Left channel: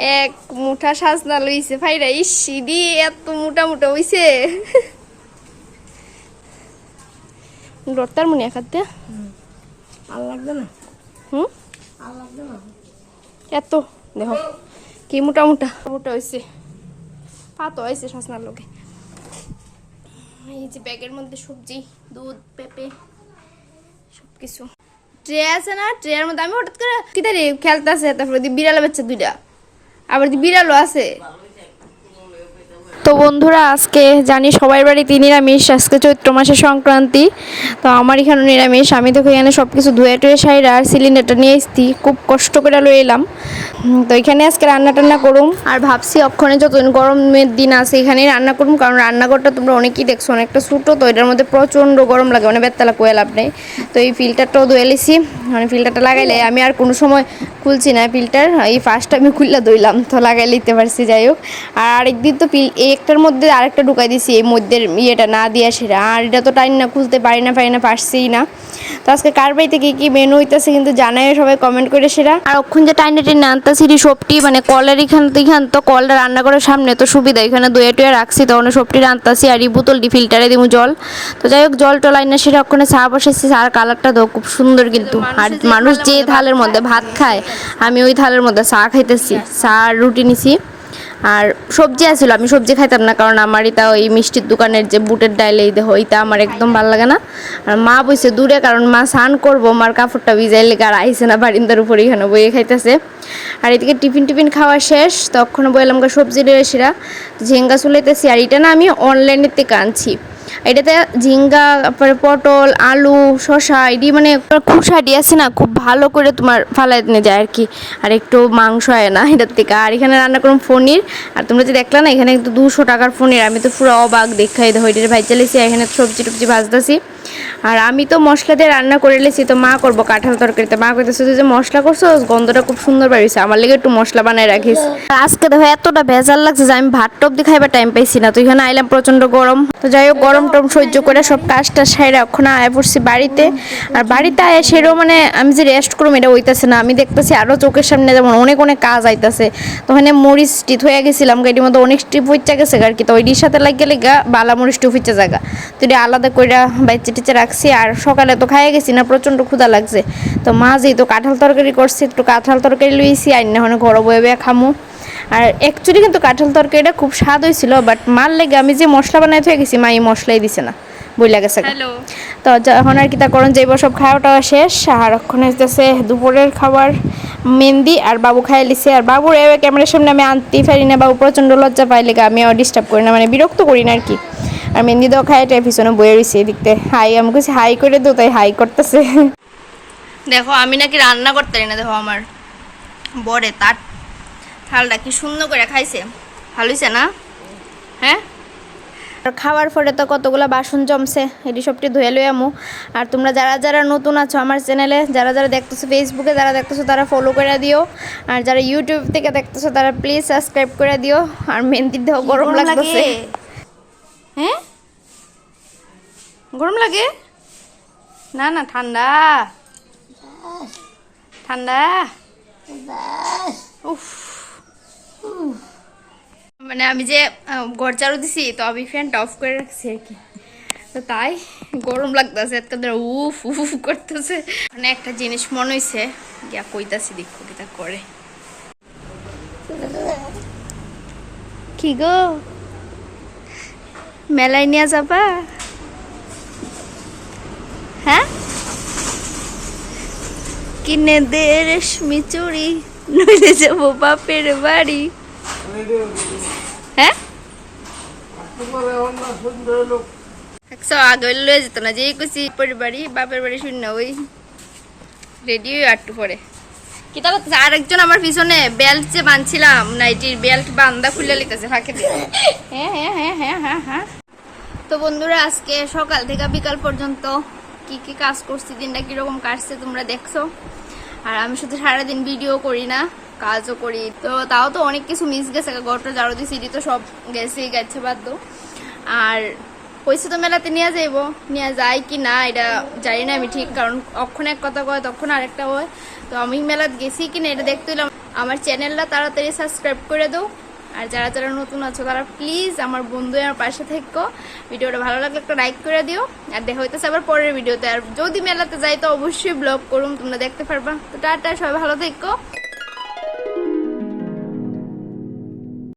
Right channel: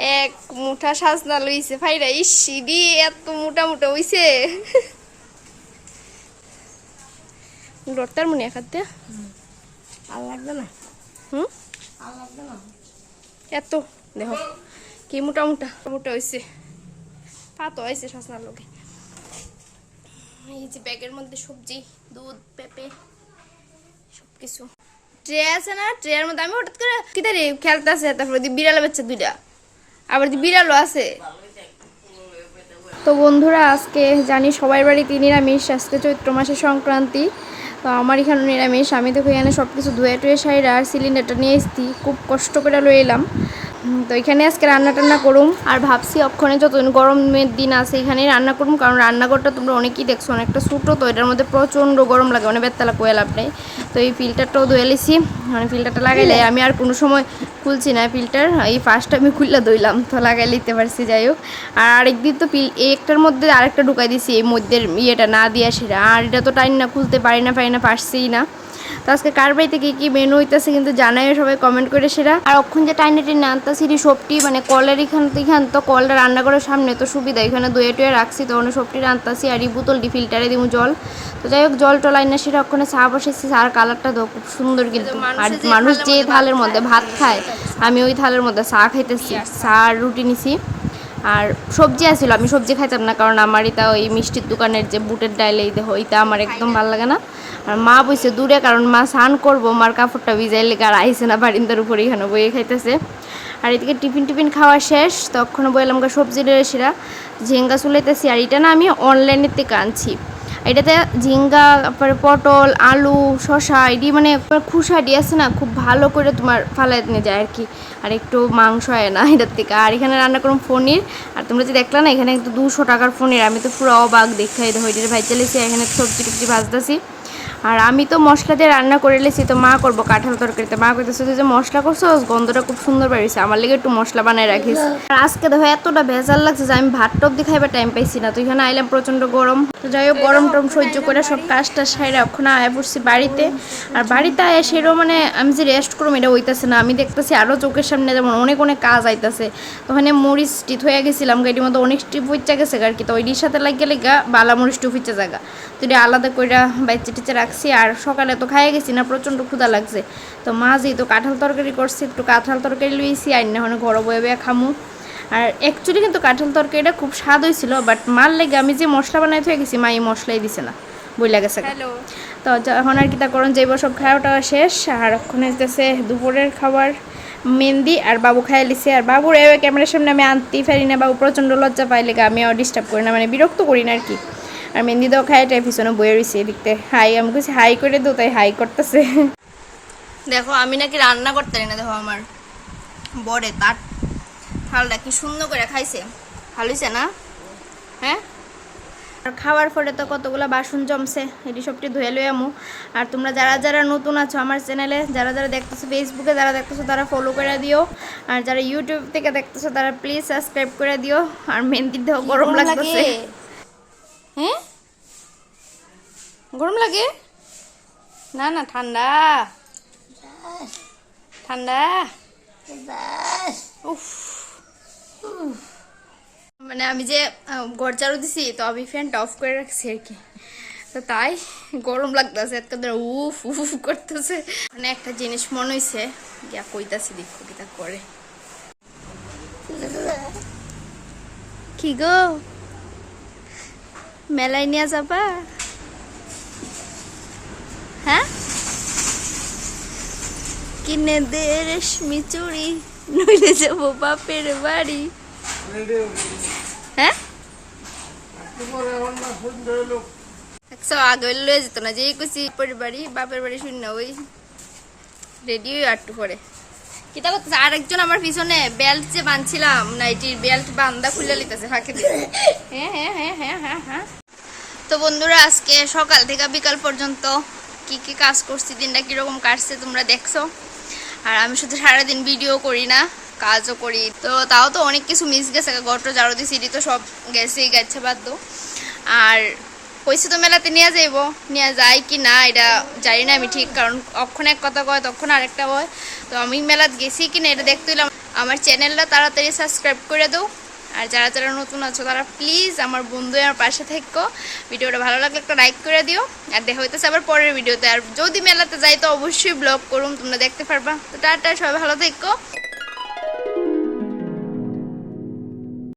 এক মুঠা সাজনা লইছে ভাইরা ইস সিডি এত মোটা মোটা হইছে। ডরতার মনে খাতে আর লাগবে না? হুম? আর লাগবে না? এত দেখো কি মোটা মোটা মোটা হয়েছে পাতো হয়েছে শাসনার লোকে এই যে ব্যাগের মধ্যে সবজি দুধ পেঁপে সবকিছু। ট্রে আছে না? ট্রের মধ্যে আমি হঠাৎ করে কি তারি খেলতেছে তারপরে দি বিড়াল বাচ্চা দুইটা। আবার বিড়ালও আছে। তো বন্ধুরা, আজকে জানি সবাই বাড়িতে নিরামিষ, আজকে চৈত্র মাসের সংক্রান্তি। তো আমার এখানে নিরামিষ। আমি দেখো এখানে সব কিছু ধুয়ে টুয়ে সাইরা আর সিলিন্ডারটা নিয়ে এসছি খুব কষ্ট করে এলাম। তো এখানে আজকে রান্না টান্না করুম। আর ভাবছি অক্ষণে যতদিন গরমের দিন আছে এখানেই রান্না করুম, কারণ রান্নাঘরটা তোমরা অনেকেই দেখছ, অনেকটা ছোটো তো এটার মধ্যে প্রচণ্ড গরম লাগে, অনেক বেতলা কোয়া লাভ নেই। তো এই ফিল্টারটাও ধুয়ে লিছি মানে ফিল্টারটা লাগাইলে আমি আর কোনো সময় খুলছি না ফিল্টার, এই ফার্স্ট আমি খুললা দইলাম তো লাগাই লিতে পারছি, যাই হোক। আর আরেকদিন তো এই একটার মধ্যে আরেকটা ঢুকাই দিছি, এই মধ্যে ইয়েটা না দিয়ে সেটা আর এটা তো টাইম না খুলতে পারি না পারি না পারছিই না। তো আজকে কার বাড়িতে কি কি মেনু হইতেছে কিন্তু জানাইও সবাই কমেন্ট করে সেরা। আর অক্ষণ যে টাইনে টেনে আনতাছি সবটি মানে কলের এখান এখান তো কলটা রান্না করার সামনে তো সুবিধা এখানে দইয়ে টুয়ে রাখছি তখন সবটি রান্তাছি আর এই বোতলটি ফিল্টারে দিব জল। তো যাই হোক জল টল আইনা সেটা ওখানে চা বসেছি আর কালারটা তো খুব সুন্দর কিন্তু। আর মানুষ যে থালের মধ্যে ভাত খায় আমি ওই থালের মধ্যে চা খাইতেছি চা আর রুটি নিছি। আর সবজি আছিল আমি সবজি খাইতাম না কারণ আমার এটা ওই মিষ্টির দোকানের যে বুটের ডাইল এই দেহ ওইটা আমার একদম ভালো লাগে না। আর মা বইছে দূরে কারণ মা স্নান করব মার কাপড়টা ভিজাই লেগে আর আইসে না বারিন্দার উপরে এখানে বইয়ে খাইতেছে। আর এদিকে টিফিন টিফিন খাওয়া শেষ তখন বললাম সবজি রয়ে সেরা ঝিঙ্গা চুলাইতেছি আর এটা না আমি অনলাইনের থেকে আনছি। এটাতে ঝিঙ্গা, তারপরে পটল, আলু, শসা এটি মানে খুশাটি আছে না, খুব ভালো করে তোমার ফালাই নিয়ে যায় আর কি আর একটু মাংস হয় না এটার থেকে। আর এখানে রান্না করুন পনির। আর তোমরা যে দেখলে না, এখানে কিন্তু দুশো টাকার পনির। আমি তো পুরো অবাক দেখাই। দেখো, এটার ভাই চালিয়েছি এখানে সবজি টবজি ভাজতেছি। আর আমি তো মশলা দিয়ে রান্না করে লেছি, তো মা করব কাঁঠাল তরকারিতে মা করতেছে যে মশলা করছ, গন্ধটা খুব সুন্দর বেরিয়েছে আমার লেগে একটু মশলা বানায় রাখিস। আজকে দেখো, এতটা ভেজাল লাগছে যে আমি ভাত দিয়ে খাইবার টাইম পাইছি না। তো এখানে আইলাম প্রচণ্ড গরম। তো যাই হোক, গরম টরম সহ্য করে সব কাজটা সাইরা ওখানে আয় পড়ছি বাড়িতে। আর বাড়িতে আয় সেটাও মানে আমি যে রেস্ট করব এটা হইতেছে না। আমি দেখতেছি আরও চোখের সামনে যেমন অনেক অনেক কাজ আইতাছে। তো ওখানে মরিচ টিপ হয়ে গেছিলাম, গাড়ির মধ্যে অনেক টিপ হইচা গেছে আর কি তো ওইটির সাথে লাগিয়ে লেগা বালা মরিচ টিপ হইচা জায়গা তো এটা আলাদা করে বাইচে টিচে রাখছি। আর সকালে তো খাইয়ে গেছি না, প্রচণ্ড ক্ষুধা লাগছে। তো মা যেহেতু কাঁঠাল তরকারি করছি, একটু কাঁঠাল তরকারি লইছি, আর না হলে ঘরে বয়ে বয়ে খামু। আর অ্যাকচুয়ালি কিন্তু কাঁঠাল তরকারিটা খুব স্বাদ হয়েছিল বাট মার লেগে আমি যে মশলা বানাই হয়ে গেছি মা এই মশলাই দিছে না বইলা গেছে তো যখন আর কি তা করণ যাইব সব খাওয়াটা শেষ আর ওখানে আসতেছে দুপুরের খাবার মেহেন্দি আর বাবু খাই লিছে। আর বাবুর এ ক্যামেরার সামনে আমি আনতেই পারি না বাবু প্রচণ্ড লজ্জা পাই লেগে আমি ডিস্টার্ব করি না মানে বিরক্ত করি না আর কি। আর মেহেন্দি দাও খাই এটা পিছনে বয়ে রয়েছে এদিকতে হাই আমি কিছু হাই করে দো তাই হাই করতেছে। দেখো আমি নাকি রান্না করতে পারি না দেখো আমার বরে তার থালটা কি সুন্দর করে খাইছে? ভালো হয়েছে না? হ্যাঁ? আর খাওয়ার পরে তো কতগুলো বাসন জমছে এটি সবটি ধুয়ে লই আমু। আর তোমরা যারা যারা নতুন আছো আমার চ্যানেলে যারা যারা দেখতেছো ফেসবুকে যারা দেখতেছো তারা ফলো করে দিও। আর যারা ইউটিউব থেকে দেখতেছো তারা প্লিজ সাবস্ক্রাইব করে দিও। আর মেহেন্দি দেহ গরম লাগতেছে। হ্যাঁ? গরম লাগে? না না ঠান্ডা। ঠান্ডা। উফ। মানে আমি যে চালু দিছি, তো আমি ফ্যানটা অফ করে রাখছি আর কি। তো তাই, গরম লাগতেছে একটা ধরে উফ উফ করতেছে। মানে একটা জিনিস মনে হইছে, গিয়া কইতাছি দেখো করে। কি গো? মেলায় নিয়ে যাবা? হ্যাঁ? কিনে দে রেশমি চুড়ি। নইলে যাব বাপের বাড়ি হ্যাঁ একশো আগে লয়ে যেত না বাড়ি বাপের বাড়ি শূন্য ওই রেডি আটটু পরে কিতা করতেছে আর একজন আমার পিছনে বেল্ট যে বাঁধছিলাম নাইটির বেল্ট বান্ধা খুলে লিতেছে ফাঁকে দিয়ে হ্যাঁ হ্যাঁ হ্যাঁ হ্যাঁ হ্যাঁ হ্যাঁ তো বন্ধুরা আজকে সকাল থেকে বিকাল পর্যন্ত কি কি কাজ করছি দিনটা কীরকম কাটছে তোমরা দেখছ আর আমি শুধু সারাদিন ভিডিও করি না, কাজও করি। তো তাও তো অনেক কিছু মিস গেছে গট জারো দি সিটি তো সব গেছেই, গেছে বাদ আর পয়সা তো মেলাতে নিয়ে যাইব, নিয়ে যায় কি না এটা জানি না আমি ঠিক, কারণ অক্ষণ এক কথা কয়, তখন আরেকটা হয়। তো আমি মেলাত গেছি কি না এটা দেখতে হইলাম। আমার চ্যানেলটা তাড়াতাড়ি সাবস্ক্রাইব করে দাও। আর যারা যারা নতুন আছো, তারা প্লিজ আমার বন্ধু আমার পাশে থেকো। ভিডিওটা ভালো লাগলে একটা লাইক করে দিও। আর দেখা হইতেছে আবার পরের ভিডিওতে। আর যদি মেলাতে যাই তো অবশ্যই ব্লগ করুন তোমরা দেখতে পারবা। তো টাটা, সবাই ভালো থেকো।